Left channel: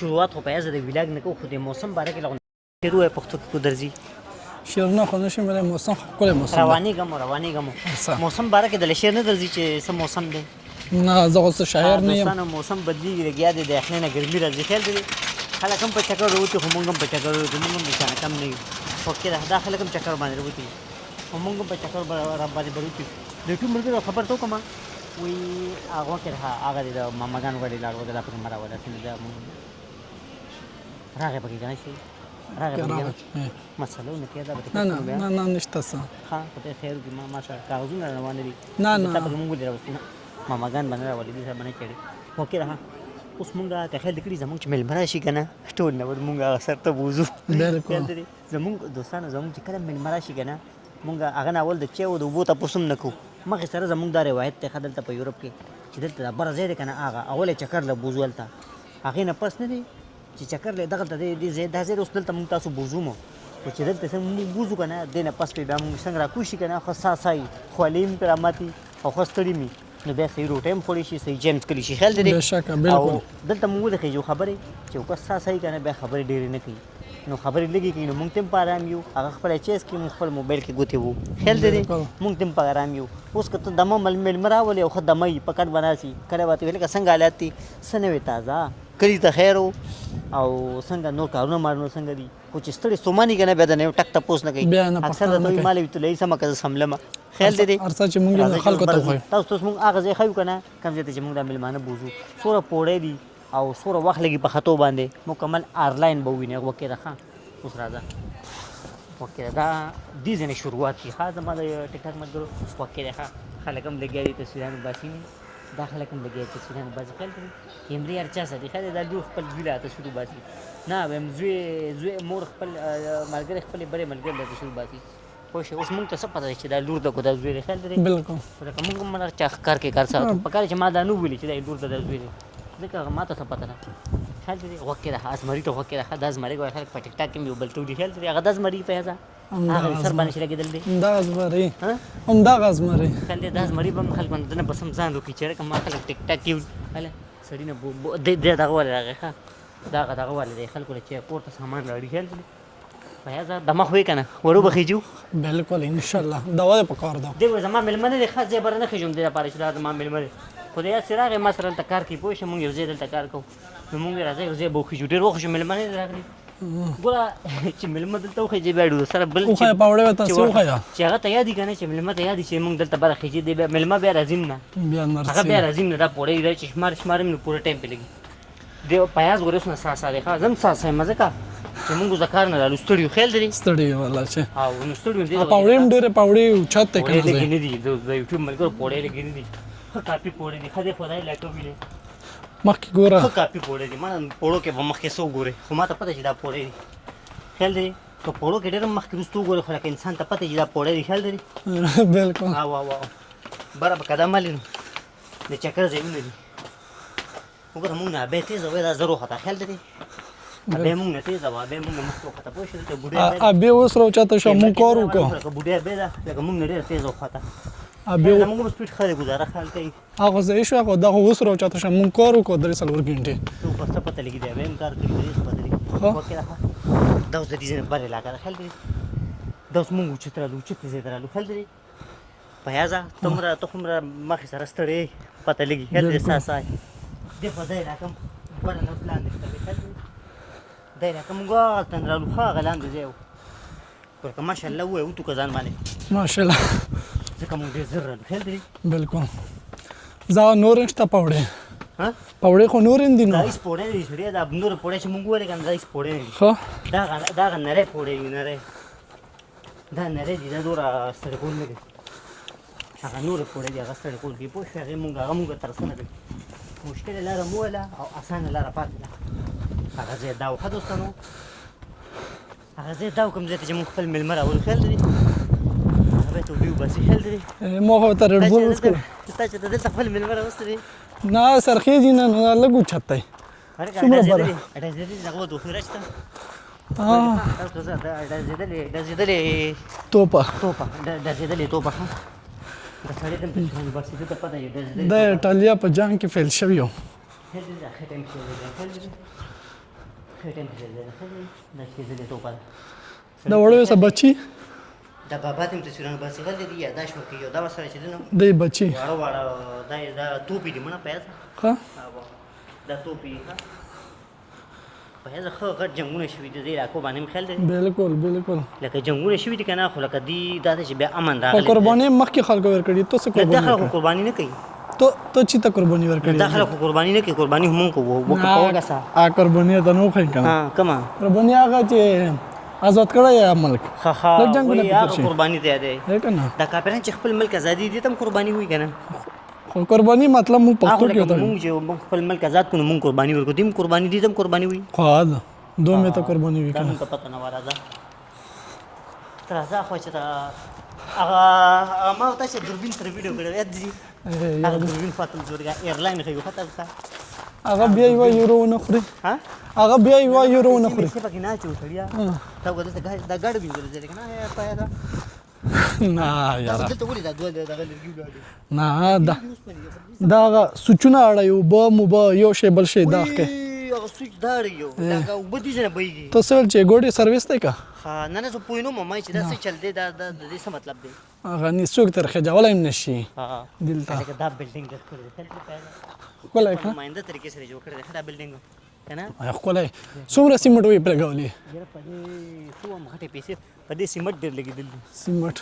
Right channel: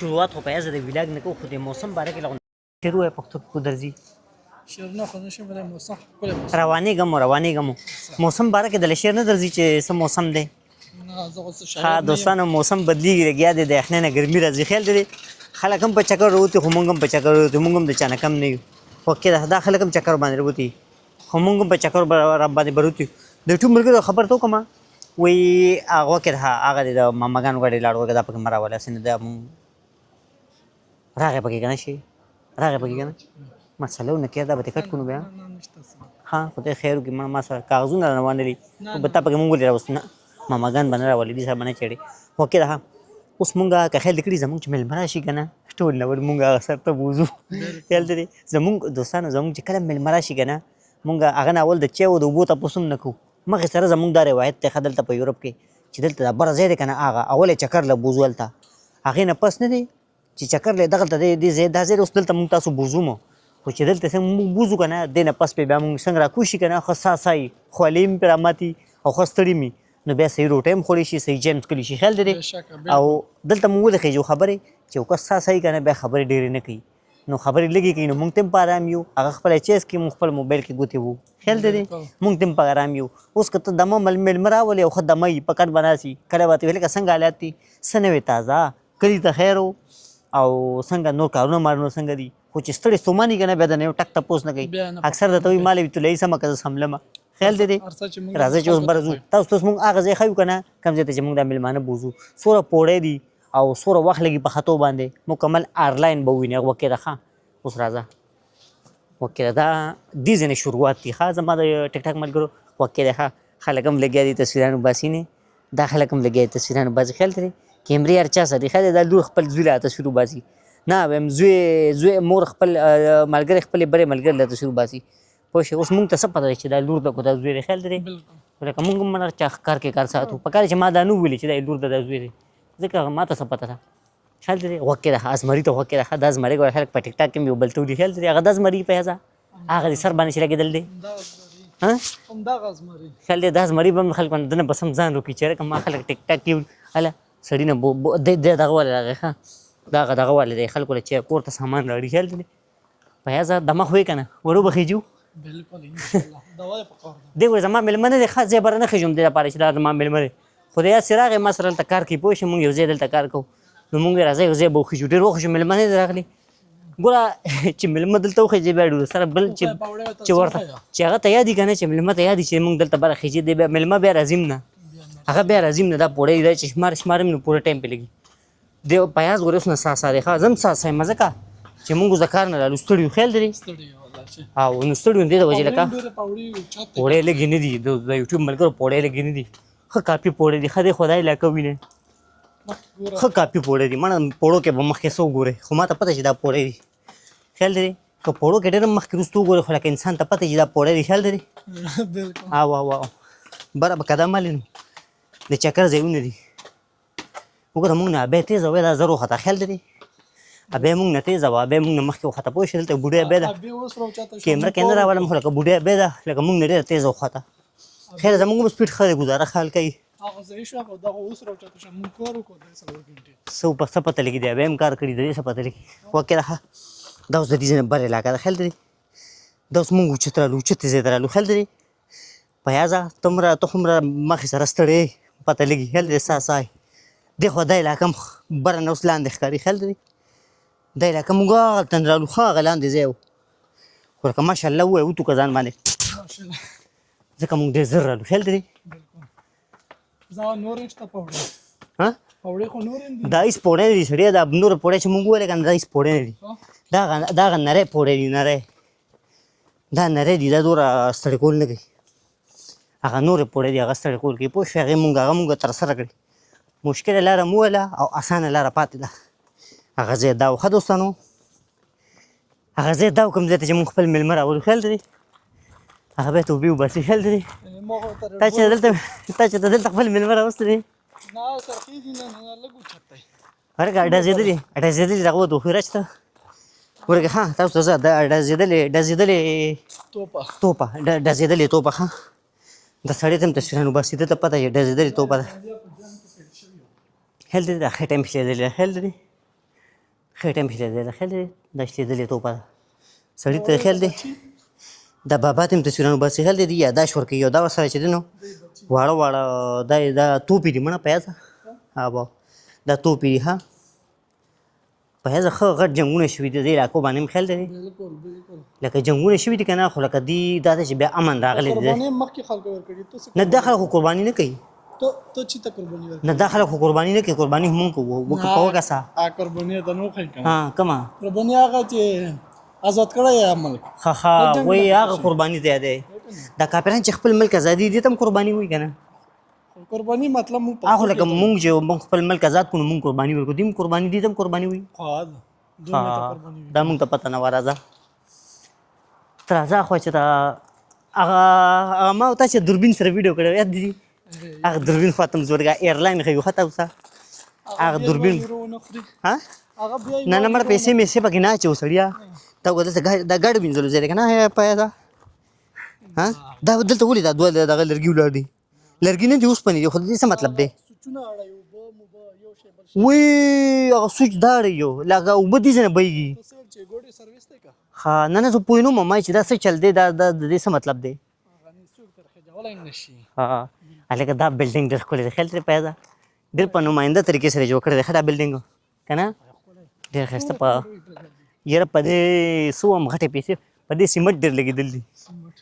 شروعات خو په یزه د ویلاګ نه کو خو د موسم باره کې لغون شروع ہے پختو کو درځي شیرونه خو نشم ویلی موسم خو ښکلی موسم دی. روانېږم موسم باره کې د شعر نه درځي چې څه موسم دی نه زه خو څه شاعر نه یم. دوستانو موسم بدلیږي لګیا دی د یخنۍ نه ګرمي راځي خیال دی خلک هم په چکر راوتي خو موږ هم په چکر راوتي موږ هم د چا نه کم نه یو خو کې دا خلک هم چکر باندې راوتي خو موږ هم په چکر باندې بروتي د ټول ملګرو خبر ته وکړم وایي هغه کې هغه د ماماګانو غړي لاړ وګه دا پکې مراوله سن دا راغې پکې کنه شي راغې پکې مسلو نه کېدا به ټیکټ کوم بیا نه نشته څه ها خدای خیر وکړي ما سره کاغذونه روان دي بتا پکې مونږ لري راوستي نه ماماګان باندې راولې دي صاحب نه چړي وکړه دا اوس مونږه که خیال کړی زمونږ چې مل براشي کنه ټول نو مونږه سره ته بوزو خیال دي زمونږ دوستانو زمونږ چې کله مل مراشي کنه مونږه هغه اول د چا او د وبو ته پوسم نکو مخه سره زمونږ دا روایت ته خدل ته په یورپ کې چې دلته بر زیاده کنه هغه اول چکر له بوزول تا هغه نه پس نه دي چې چکر له دغه ته دي زید دا زید اوس دلته مونږ تاسو بوزومو او چې دلته څنګه بوزو کنه دینه پس په بیا مونږ څنګه را کوشي کنه خاصای خولیم پراماتي او خاصتري می نو بیا صحیح روټیم خوري شي صحیح جیمز کلی شي خیال دي او دلته مونږ د خېجو خبره چې خاصای کنه بیا خبره ډېری نه کوي نو خبرې لګي کینو مونږ تم پارام یو هغه خپل چیس کې مونږ خپل موبایل کې ګوتې وو خیال دې مونږ تم پارام یو اوس کته دمو مل مراولې او خدمای پکړ بناسي کړه وته ویل څنګه حالات دي سنوي تازه کړي ته خیر او څنګه نور کارونه مارنو څنګه دي خو چې ستړي سومانی کنه بیا نه ټک ته پوس نه کوي اکثر د دوی مالې ته لې سم کزه سملمه خیال دې ارڅ چې مونږ تاسو مونږ هغه ځای خایو کنه کم ځای چې مونږ د ملمانه بوزو سوره پوړې دي او سوره وخت لګي په خطو باندې مکمل اirline به ویني وکړه راخه اوس راځه وکړه دا دې ځنه شروعات دي خاصه ما د ټیک ټاک ملګرو وکړه خلک هم لګیا دي تصویرانو باسینه دا خلک هم لګیا دي تصویرانو باسي خیال دې کیمرې ارچا سره خاله د لور خپل زوی تصویر باسي نه ویم زوی مور خپل ملګری خپل بره ملګری له تصویر باسي خو شي اوس مونږ ته څه پته چې دا لور د کو د زوی خیال دې بالکل لکه مونږ هم نه چا کار کې کار ساتو په کار چې ما دا نو ویل چې دا لور د زوی ځکه ما ته څه پته ده خیال دې وکړه ازمري ته وکړه دا ازمري کوي خلک په ټیک ټاک کې یو بل ټوډي خیال دې هغه د ازمري په هزا هغه سر باندې شي راګدل دي دا ازمري ها هم دا ازمري خیال دې د ازمري بم خلک باندې نه بسم ځان وکړي چې کوم خلک ټیک ټاک کې هله سړی نه دغه ولا ها دغه ولا دی خلکو له چې پورته سامان لري خیال دې په هزا دماغ وې کنه ورو بخیجو بالکل ان شاء الله دا وای په کار ده دی ور زما ملمنه د خاص زبر نه خېجم د لپاره چې دا ما ملمنه خدای سراغه مسره ته کار کوي پوه شم یو ځای دلته کار کوو نو مونږ راځي یو ځای به خو ډېر وخت ملمنه راغلي ګوره چې ملمنه دلته خو چې بیړو سره بل چې پاوړې وته سوخه چې هغه ته یادی کنه چې ملمنه ته یادی چې مونږ دلته بل خېجې دی ملمنه بیا راځم نه هغه بیا راځم نه دا پوره دی چې شمارم نو پوره ټایم په لګي دی پیاز ورس نه ساساره خازم ساسه مزه کا چې مونږ ذکر نه لرو ستړیو خیال دی ستړیو والله چې او نو ستړیو دی دا وجه دا ډېر پاوړې چاته کوي لګي نه دی د یوټیوب ملګرو پوره لګي نه دی خو کاپی پوره دی خدای خدای لاټو ویني مخکې ګوره خو کاپی پوره دی مړه پوړو کې به مخکې سو ګوره خو ما ته پته چې دا پوره دی خیال دی ته پوړو کې ډېر مخکې رستو ګوره خو لکه انسان ته پته چې دا پوره دی خیال دی بالکل ها وا برابر قدم لین د چکر ځایونه دي وګوره موږ نه به تیز وای دا زرو خطا خیال دی ابه موږ نه تیز وای به موږ مخکې خطا پوه شل ته بوډه به ابه اوس راوچاته شو موږ کوو لکه بوډه به دا لکه موږ نه ډېر تیز وخته خیر زموږ سپیډ خاله گزاره خال کوي هغه زه شو هغه دا اوس راوچاته شو موږ کار وکړو 3 غنټه سو په څه پته لګي دی به هم کار کړی دی څه پته لګي وکړه دا اوس د دې نه بل علاقه خل دی دا اوس موږ چترالو چته زیدرالو خل دی پیازا تمره تخمره مخ سره ستړي پته لګي خل دی ساسای دی خو دای لاکم برن اوس لاندې ښکاری خل دی دای لاکم موږ تندرالو خا غلان دی زیو ورکه ماشاءالله و تو کزان باندې ماشاءالله ځکه موږ ډېر زر رالو خل دی بالکل زه نور نشته پاوړې ها پاوړې خو نور اندي دا ایس پوره دي سړی دا نور پوره چې موږ ولې کنه دا ایس پوره دي خو دا نره پوره دي نره دا نره دي دا دور ستړي کول نه دي هغه نور پوره دي هغه ستړي کول کې پوه شو هغه موږ تر سره کړی مشکل لاره موله او اسانه لاره پاتې ده هغه زه دا خو دوستانو هغه زه دا کوم ځای چې موږ خپل ملمر اول خل دي هغه به ته وبیو بس خل دي مو هو تر ته چې دلته خپل ملمر اوست دي نه سرخی دي نه لګو چتای ورګه اډه زیدلې دغه دوه خیرچته ورګه ها تاسو زه د اډه زیدلې توپه د زیدلې توپه ها د سړی تم تصویرانو باسي ته پته یې د زیدلې توپه د ایټالیا په جنگ کې فیل شوی یو هل دې اخر ټایم کې دې هل دې ښه ټایم کې دی خیال دی دا شتېدلې توپه ده د وړیو څه بچي دا بابا ته هم تصویرونه باسي خیال دی یاداشت ورکوي او دا ورسره چې دی نو دی بچي واړه واړه دا توپې دي مړه په یاده ښه بابا دا توپې دي ها په یاده ښه غټ جنګونه شوي دي دې علاقو باندې هم خیال دی بالکل بالکل لکه جنګونه شوي دي که نه خو لکه دي دا ده چې بیا امن راغلی دی قرباني مخکې خلکو ورکړي ته څه نه دا خلک خو قرباني نه کوي ته چې ته قرباني نه ورکړي دا خلک خو قرباني نه کوي قرباني هم مونږ کوو وکړو که څه قرباني ته نو خای کنه کومه قرباني هغه چې آزاد کړی یا ملک ښه وایي هغه قرباني دی دی کنه دا کافران چې خپل ملک ازادي دي ته هم قرباني وایي که نه خو قرباني مطلب مو هغه پښتو لکه کې مونږ چې مونږ خپل ملک آزاد کړو مونږ قرباني ورکړو دې هم قرباني دي ته هم قرباني وایي خو دا دوه ته قرباني وي دا مونږ ته پته نه وه راځه ته راځه خو چې دا هغه ما او تا چې دوربین سره ویډیو کړی یاد دي هغه دوربین فاطم زورګا ایرلاین ښیو ښه ته اوسه هغه بیا یو یورو ونه خوري ها هغه بیا یو نه نه مر یورو پیسې مې پکې نه اچو سړیا تا وګورې دا ګاډ وینځلو زه کنه په دا دا دلته ولې دا دوه دغه لرګي ولاړ دي نه لرګي نه دي اوس پنې خو دې څه مطلب دی سوچونه اړایو به مو به یو شی بل شی وی هغه سوچ دار یو لکه وبه دي ځنه بېږي ته څه چې ګوډي سرویس دی کا ها نه نه زه پوه نه وم چې دا څه چل دی دا د دې څه مطلب دی هغه نه څوک تر خجاولای نشي ها هلکه دا بلډینګ ډېر ښکلی دی خیال ترې پیدا ډېر په نماینده طریقې سره جوړ کړی دی ښه دا بلډینګ که نه ښکلی څومره سیمټ وی پرېږولي یاره په دې څه وم غټې پیسې په دې سیمټ ډېر لګېدل دي سیمټ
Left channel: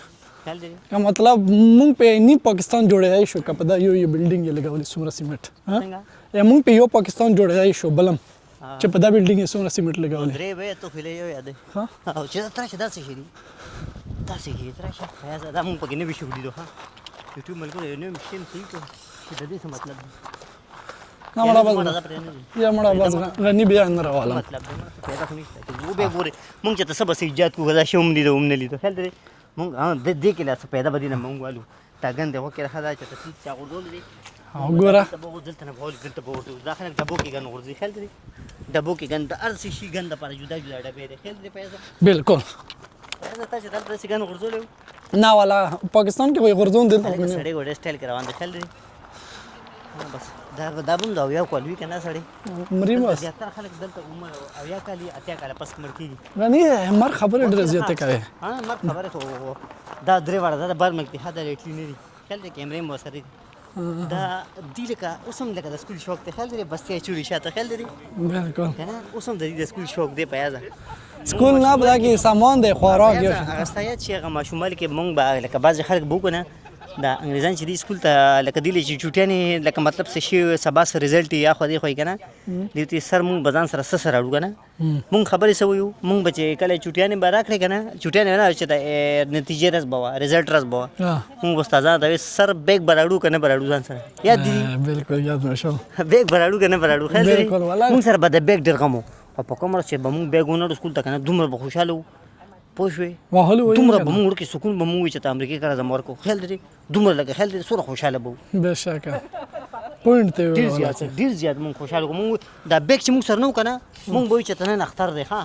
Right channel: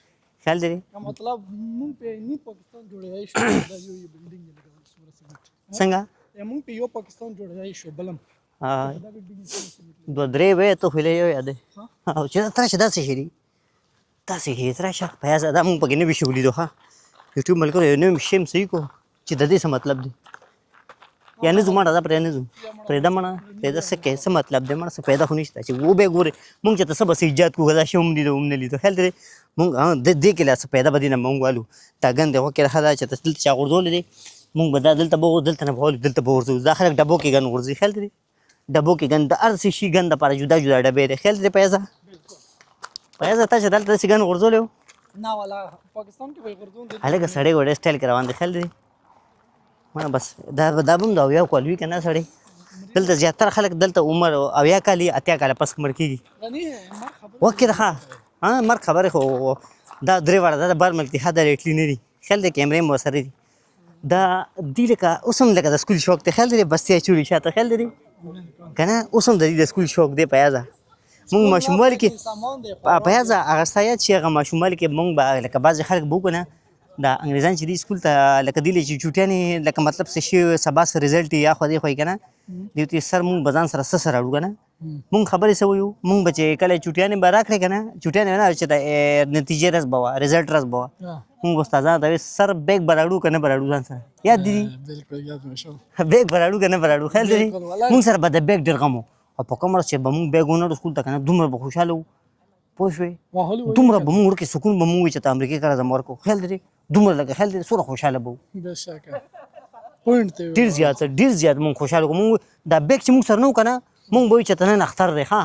خیال دی کا مطلب مونږ په نی پاکستان جوړای شو دا یو بلډینګ یې لګولې څومره سیمټ څنګه مونږ په یو پاکستان جوړای شو بلم چې په دا بلډینګ یې څومره سیمټ لګولې درې وې ته خو یې یاد او چې تر شه داسې شي داسې شي تر شه پیاز دا مونږ پکې نه وی شو لیدو ها یوټیوب ملګرو یو نوم شیم صحیح کو چې د دې څه مطلب دی یا نه زما دا پرې نه زم یا مړه غنی بیا نه څه مطلب دی مړه څه پیدا خو نشته چې و به ګوره مونږ چې تاسو بس ایجاد کوو دا شوم لیدو هم نه لیدو خیال دی مونږ د دې کې لا څه پیدا بدینه مونږ والو تا ګند هو کې راځه چې تاسو چا غورځول دي مونږ بدل دلته به دلته نه بول دلته به ورځو دا خلک ډبو کې ګن ورځي خیال دی ډبو کې ګن د ارسي شي ګن د پر جدا جدا ډبې دی خیال دی پیسې بالکل پیسې تاسو دلته سي ګن ورځول نه والا پاکستان کې وي غورځون دي هلکه سړی وړ سټایل روان دی خیال دی بس دا بم دا یو کال وی کنه سړی دلته زیاتره خلک دلته عمر او یا کالی اتیا کال پس مړ کیږي غنی مر خبره ډېر زیاته کوي ها مر خبره خو دا درې وړه دا بار ملتي حدا ریټلی نه دي خل د کیمرې مو سره دي دا دی لکه اوسم لکه د سکول شوق ته خل دی بس یې چوری شاته خل دی بالکل کنه اوسم د سکول شوق دی پیازه سکول نه کې سامان دی خوراک پیازه هغه سایت چې هغه ماشومان کې مونږ به لکه بعض خلک بو کنه دا انګریزان چې دی سکول ته لکه دی چې چوټیانې لکه مطلب څه شي سبا سره رزلټ یا خو دی خو کنه دی ته سر مونږ بزان سره سره اړو کنه مونږ خبرې سو یو مونږ بچې کله چوټیانې به راکړې کنه چوټیانې نه چې د نتیجې رس بوا رزلټ رس بوا مونږ استادان دا سر بیگ براړو کنه براړو ځان سره یاد دی بالکل یاد مشو بیگ براړو کنه براړو خیر دی مونږ سره به د بیگ ډیر غمو او په کومر چې به مونږ بیگونه سکول ته کنه دومره به خوشاله وو پوه شوې دومره به مونږ کې سکون به مونږ چې ته امریکا کړه زموږ ورکو خیال دی دومره لکه خیال دی سره خوشاله بو بشکه پوینټ ته ډیر زیات مونږ خوشاله کوو مونږ دا بیگ چې مونږ سره نو کنه مونږ به چې ته نه اختر دی ها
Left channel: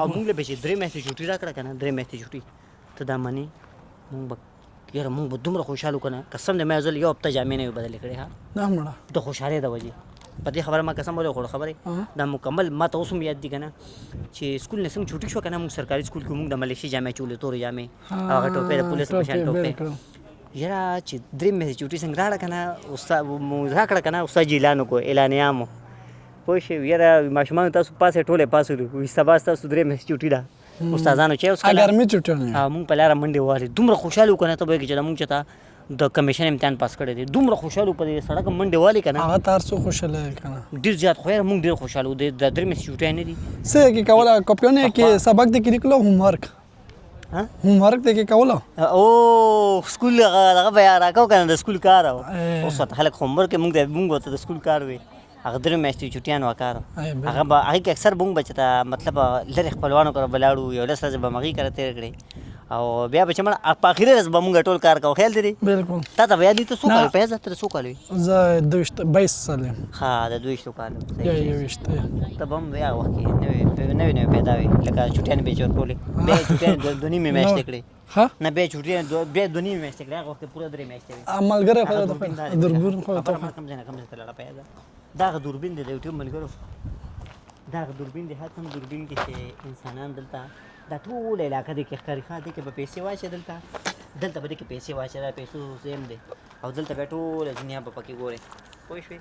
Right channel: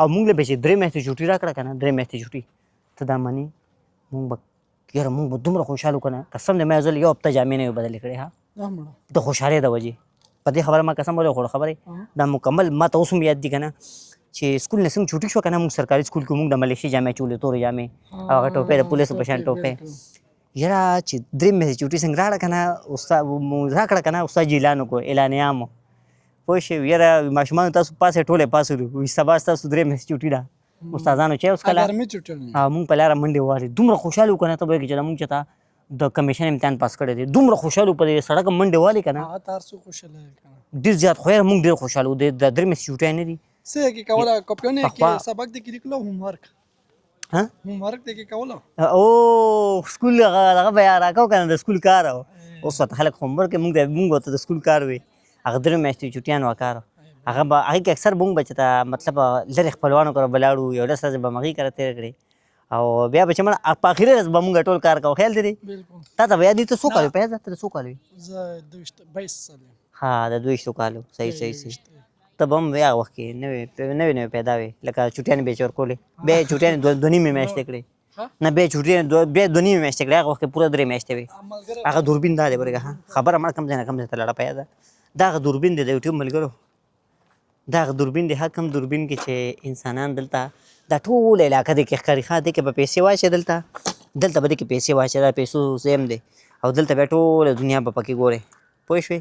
او مونږ له به چې درې میاشتې چوټي راکړه کنه درې میاشتې چوټي ته دا معنی مونږ به یاره مونږ به دومره خوشاله کنه قسم دې مې ځل یو هفته جامې نه بدلې کړې ها نه مړه ته خوشاله د وجه په دې خبره ما قسم وله خبره دا مکمل ما ته اوس یاد دي کنه چې سکول نه څنګه چوټي شو کنه مونږ سرکاري سکول کې مونږ د ملیشي جامې چولې تورې جامې هغه ټوپې د پولیس په شان ټوپې یاره چې درې میاشتې چوټي څنګه راړه کنه استاد مو راکړه کنه استاد اعلان کو اعلانیامو پوه شو یاره ماشومان تاسو پاسه ټوله پاسو وي سبا تاسو درې میاشتې چوټي دا استادانو چې اوس کله ګرمي چوټي مونږ په لاره منډه واره دومره خوشاله کنه ته به کې چې مونږ چتا د کمیشن امتحان پاس کړی دی دومره خوشاله په سړک منډه والی کنه هغه تار څو خوشاله کنه ډیر زیات خو مونږ ډیر خوشاله و د درې میاشتې چوټي نه دي څه کې کوله کپیونه کې سبق د کې لیکلو هومورک ها هومورک د کې کوله او سکول هغه بیا راکاو کنه د سکول کار اوس ته خلک هومورک مونږ ته د سکول کار وي هغه درې میاشتې چوټیان وکړ هغه به هغه اکثر مونږ بچتا مطلب لری خپلوانو کړه بلاړو یو ډېر سره به مغي کړه تیر کړی او بیا به چې مړه په اخر ورځ به مونږ ټول کار کوو خیال دی بالکل تا ته بیا دې ته څو کال پیسې ته څو کال زه 22 سال ها د 22 کال صحیح ته بم بیا وخت کې نوې پیدا وي لکه چوټیان به چور کولې به چوټیان دونی مې میاشتې کړې ها نه به چوټیان به دونی مې میاشتې کړې هغه وخت پورا درې میاشتې وي عملګر هغه دوربین دا دی خبره ما کم ځای ته لړه پیدا دا دوربین دی د یوټیوب ملګرو دا دوربین دی حکم دوربین کې چې انسانان دلته دا ټول علاقه دی کې ښکاري ښه دی کې به پیسې واچې دلته به دې کې پیسې واچې دا پیسو سیم دی او دلته بیا ټوله دنیا به پکې ګورې پوه شوې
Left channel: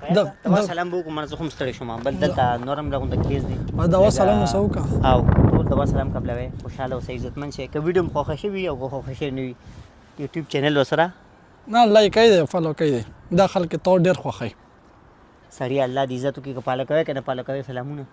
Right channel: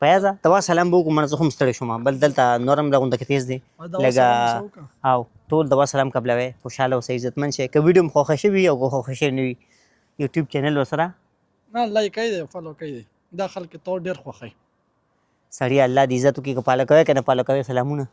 فیاضه دوا سلام به وکړو منه زه خو هم ستړی شوم بل دلته نور هم لغونده کې تیز دی دوا سلام اوسه وکړه او ټول دوا سلام قبلوئ خوشحاله اوسئ عزتمند شئ که ویډیو م خوښه شوي او که خوښه شوې نه وي یوټیوب چینل ورسره نه لایک یې دی فالو کوي دی دا خلک ته ډېر خوښوي سړی الله دې عزت وکړي که پاله کوئ که نه پاله کوئ سلامونه